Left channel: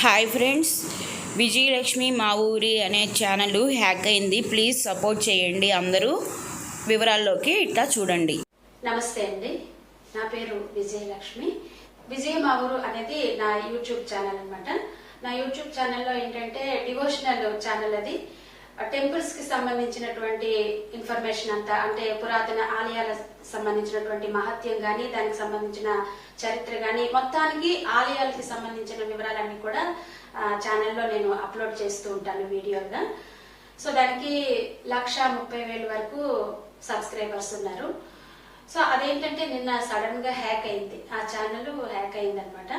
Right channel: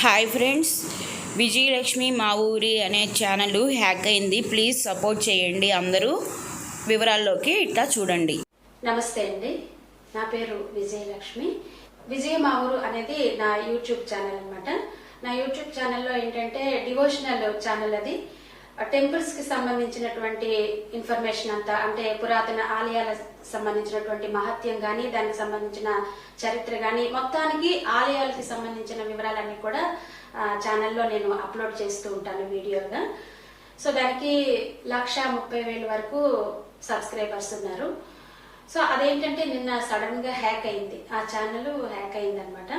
Hi friends, Vijayalakshmi మా ఊరి అనే ఛానల్ హ్యాక్ అయింది. ప్లీజ్ సపోర్ట్ చేయండి. అందరూ వివరాల్లోకి ఇట్లా చూడండి. నమస్తే అండి, నా పేరు విజయలక్ష్మి. విజయమావూరు అనేది నా యూట్యూబ్ ఛానల్ అన్నమాట. నా యూట్యూబ్ ఛానల్లో ఏంటంటే డివోషనల్ ఛానల్. అది టెంపుల్స్ కి సంబంధించినటువంటి ఇన్ఫర్మేషన్ అంతా, అంటే పురాతన ఆలయాలకు సంబంధించినటువంటి మహత్యం గాని, దానికి సంబంధించిన చరిత్ర గాని, మొత్తానికి ఆలయాలకి సంబంధించిన వివరాలన్నీ కూడా ఛానల్లో నేను అప్లోడ్ చేస్తూ ఉంటాను వీడియోగా. సో దానికి 1,30,000 వరకు సబ్స్క్రైబర్స్ ఉన్నారు. సో అదేంటంటే నిన్న సడన్ గా హ్యాక్ అయింది, ఆ ఛానల్ హ్యాక్ అయింది అనమాట.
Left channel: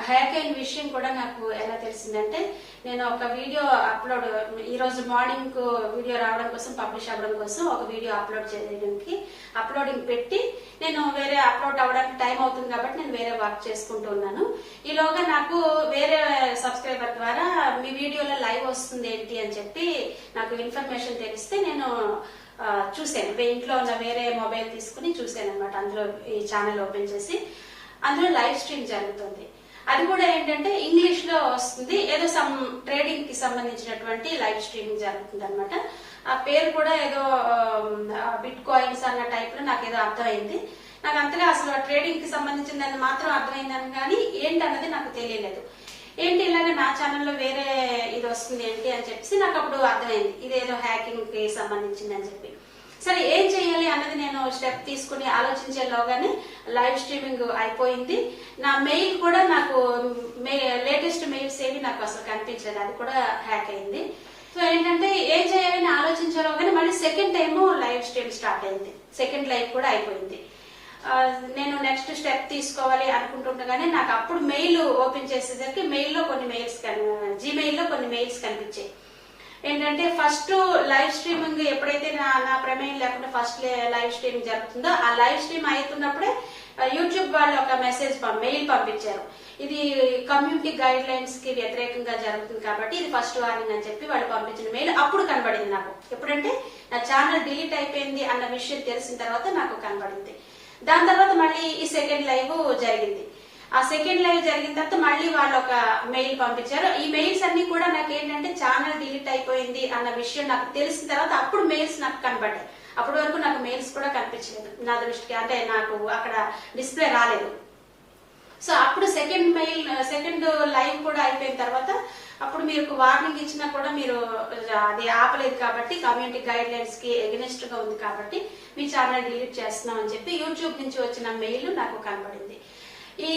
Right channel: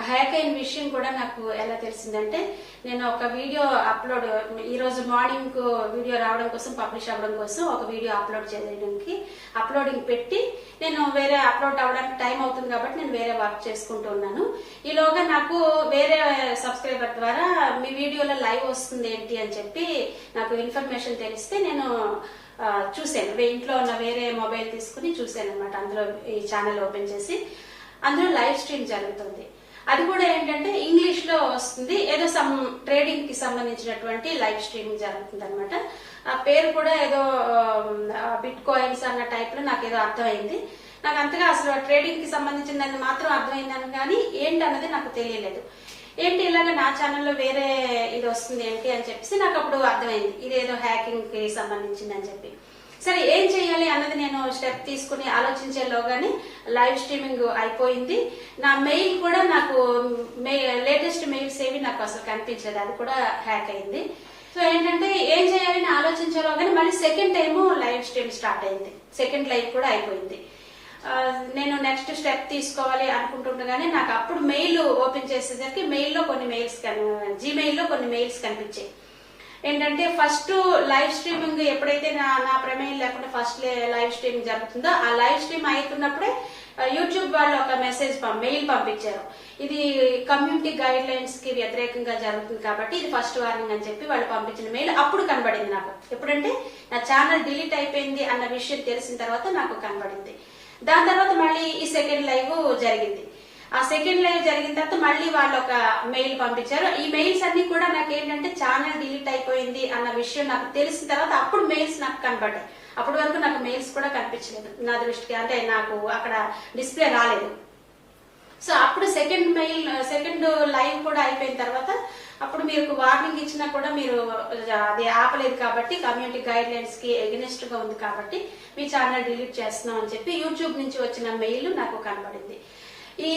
ఆ హ్యాక్ అయిన విషయం కూడా నాకు ఎలా తెలిసిందంటే, నేను ఒక వీడియో అప్లోడ్, ఈ రోజు మార్నింగ్ వీడియో రావడం కోసం, పబ్లిష్ అవ్వడం కోసం ఒక వీడియో అప్లోడ్ చేయడానికి అప్లోడింగ్ పెట్టి, నేను వేరే అప్లోడ్ అవ్వడానికి టైం అవుతుంది కాబట్టి నేను వేరే వర్క్ చేసుకుంటూ ఉన్నాను. ఈలోగా నాకు వేరే సబ్స్క్రైబర్ ద్వారా మీ వీడియోలో లైవ్ వస్తుంది ఏంటి అని చెప్పి నాకు ఇన్ఫర్మేషన్ తెలిస్తే నేను చూశాను. ఇంట్లో ఉన్న వేరే మొబైల్ తీసుకుని చూశాను అనమాట. అందులో ఈ ఛానల్ ఓపెన్ చేసి అందులో లైవ్ స్ట్రీమ్ జరుగుతుంది. అది కూడా ఏంటంటే ఇంగ్లీష్ లో వస్తుంది, ఏదో సమ్ ట్రేడింగ్ కి సంబంధించినటువంటి లైవ్ స్ట్రీమింగ్ జరుగుతుంది అనమాట. ఆ పేరు కూడా ఏదో బిట్ కాయిన్స్ అన్న టైప్ లో నాకు ఏదో అర్థమైంది. నాకు అంతగా అసలు ట్రేడింగ్ కి సంబంధించిందని మాత్రం అర్థమైందని కానీ ఏంటన్నది నాకు తెలియలేదు. ఏంటి ఇలాగ నా ఛానల్లో వేరే ఇది వస్తుంది ఏంటి అని చెప్పేసి నాకు అప్పుడు అర్థమైంది, ఇదేదో హ్యాకింగ్ కి సంబంధించింది అని చెప్పి. సరే ఏం చేయాలి అన్నది నేను స్టెప్ తీసుకుని ఆలోచించేలోగానే లైవ్ స్ట్రీమింగ్ అయిపోయింది. నా మెయిల్ కూడా నాకు లేటెస్ట్ మెయిల్స్ ఏవి నాకు అసలు కనిపించలేదు, అది కూడా హ్యాక్ అయింది. సో ఏంటంటే ఏం చేయాలని ఆలోచించేలోగానే మళ్ళీ second time live stream start అయింది. సెకండ్ లైవ్ కూడా అయిపోయింది. నేను నెక్స్ట్ స్టెప్ తీసుకోవాలి అనుకుంటుండగానే నాకు అప్పుడు మెయిల్ ఓపెన్ చేసేసరికి మెయిల్లో కొన్ని మెయిల్స్, జీమెయిల్లో కొన్ని మెయిల్స్ కనిపించాయి. ఏంటంటే ఫస్ట్ లైవ్ స్ట్రీమింగ్ ఎప్పుడైతే నా ప్రమేయం లేకుండా ఫస్ట్ లైవ్ స్ట్రీమింగ్ జరుగుతుందో, ఆ లైవ్ స్ట్రీమ్ అవుతున్నప్పుడే యూట్యూబ్ వాళ్ళు ఒక మెయిల్ పంపించారు. ఇది కమ్యూనిటీ గైడ్ లైన్స్ కి వ్యతిరేకంగా జరుగుతుంది కాబట్టి ఇది ఫస్ట్ వార్నింగ్ అని చెప్పి వాళ్ళు పంపించిన మెయిల్ అప్పుడు కనబడింది నాకు. ఎప్పుడంటే నా ఛానల్ డిలీట్ అయిపోయింది అన్న విషయం తెలిసిన తర్వాత నాకు కనబడింది. దాని తర్వాత మళ్ళీ ఈ సెకండ్ లైవ్ జరిగింది. ఆ సెకండ్ లైవ్ జరిగిన తర్వాత మళ్ళీ వాళ్ళు ఒక మెయిల్ పంపించారు. ఈ మెయిల్స్ అన్ని కూడా నాకు ఏంటంటే ఛానల్ డిలీట్ అయిపోయింది అన్న విషయం నాకు తెలిసిన తర్వాత అప్పుడు మెయిల్స్ నాకు కనబడ్డాయి. అప్పటి వరకు నాకు మెయిల్స్ కూడా కనిపించలేదు నా దృష్టికి, అంటే నాకు అక్కడ డిస్ప్లే రాలేదు. సో అప్పుడు సెకండ్ లైవ్ కూడా అయిపోయిన తర్వాత అప్పుడు మీరు వార్నింగ్ ఇచ్చినా కూడా మీరు అది ఆపలేదు కాబట్టి, కమ్యూనిటీ గైడ్ లైన్స్ కి ఎగనెస్ట్ గా ఉంది కాబట్టి మీ ఛానల్ డిలీట్ చేస్తున్నాం అని చెప్పి యూట్యూబ్ నుంచి వచ్చిన మెయిల్ నాకు కనబడింది. ఈ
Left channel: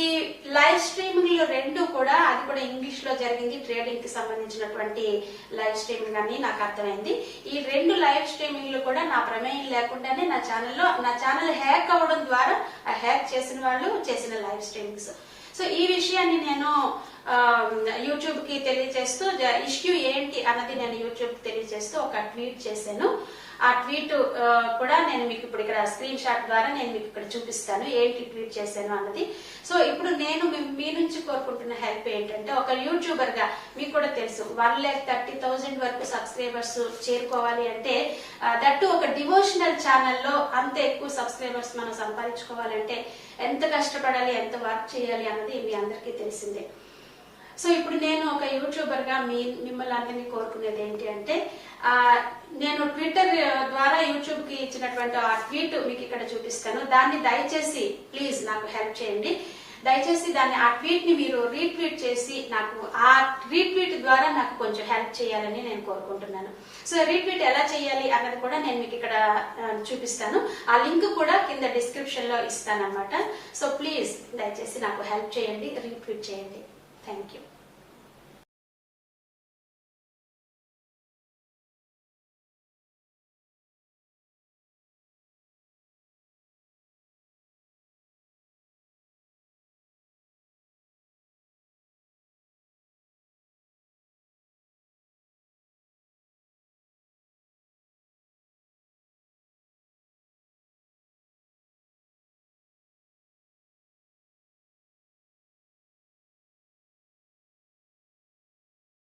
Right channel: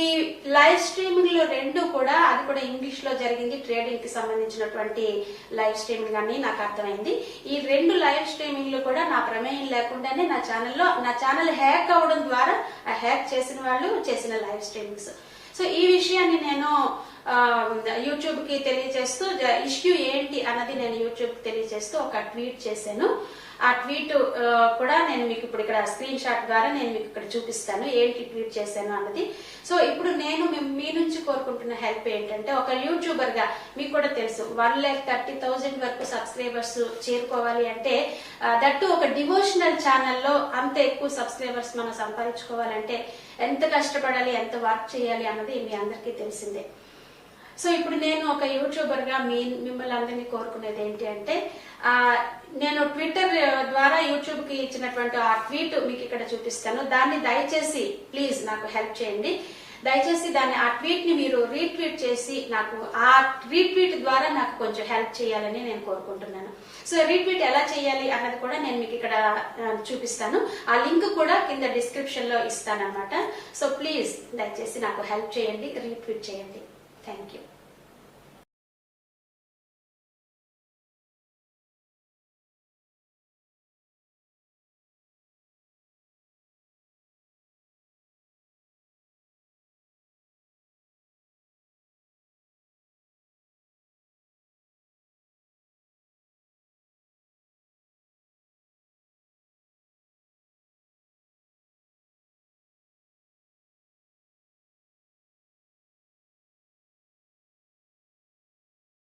లైవ్ స్ట్రీమింగ్ లో రెండు కూడా, అది కూడా ఇంగ్లీష్ లో జరిగింది, ట్రేడింగ్ కి సంబంధించినటువంటి లైవ్ స్ట్రీమింగ్ అని నాకు అర్థమైంది. ఈ రెండు లైవ్ స్ట్రీమింగ్ లో కూడా నా ప్రమేయం లేకుండానే నా ఛానల్ హ్యాక్ అవడం ద్వారా హ్యాక్ చేసిన వాళ్ళు చేసిన లైవ్ స్ట్రీమింగ్స్. సో ఈ విషయాన్ని నేను యూట్యూబ్ కి తెలియజేస్తూ, ఇష్యూ ఏంటి అన్నది నేను యూట్యూబ్ కి తెలియజేస్తూ ఒక ట్వీట్ చేశాను. ఆ ట్వీట్ కూడా నేను మీకు ఇప్పుడు ఇక్కడ స్క్రీన్ షాట్ ద్వారా నేను మీకు ఇక్కడ చూపిస్తాను ఏంటి ట్వీట్ చేశాను అన్నది. సో ఇప్పుడు నేను మీ నుంచి కోరుకుంటున్న హెల్ప్ ఏంటంటే, ఒక యూట్యూబర్ గా మీకు కూడా తెలుసు 1,30,000 వరకు సబ్స్క్రైబర్స్ చేరుకోవాలి అంటే, దట్టు ఒక డివోషనల్ ఛానల్లో అంత ఎక్కువ సబ్స్క్రైబర్స్ మనం సంపాదించుకోవాలంటే ఎంత కష్టపడాలి, ఎంత వర్క్ చేయాలి అన్నది మీ అందరికీ తెలిసిందే. సో ఇప్పుడు నేను ఒక యూట్యూబర్ గా మిమ్మల్ని అందరినీ కోరుకునేది ఏంటి అంటే, నేను ట్విట్టర్ ద్వారా యూట్యూబ్ కి ఇచ్చినటువంటి ఆ ట్వీట్ మీకు ఇక్కడ చూపిస్తాను. దాన్ని దయచేసి ప్లీజ్ నాకు హెల్ప్ చేయండి. దయచేసి ఆ ట్వీట్ ని మీరు రీట్వీట్ చేసి నాకు ఆ రీట్వీట్ ద్వారా నాకు కొంచెం హెల్ప్ చేయాలని నేను కోరుకుంటున్నాను. సో రీట్వీట్ ఎలా చేయాలి అన్నది కూడా నేను మీకు ఇక్కడ చూపిస్తాను. ఆ లింక్ కూడా కింద డిస్క్రిప్షన్ లో ఇస్తాను అనమాట. సో ప్లీజ్ దయచేసి నాకు హెల్ప్ చేయండి, రీట్వీట్ చేయండి. Thank you.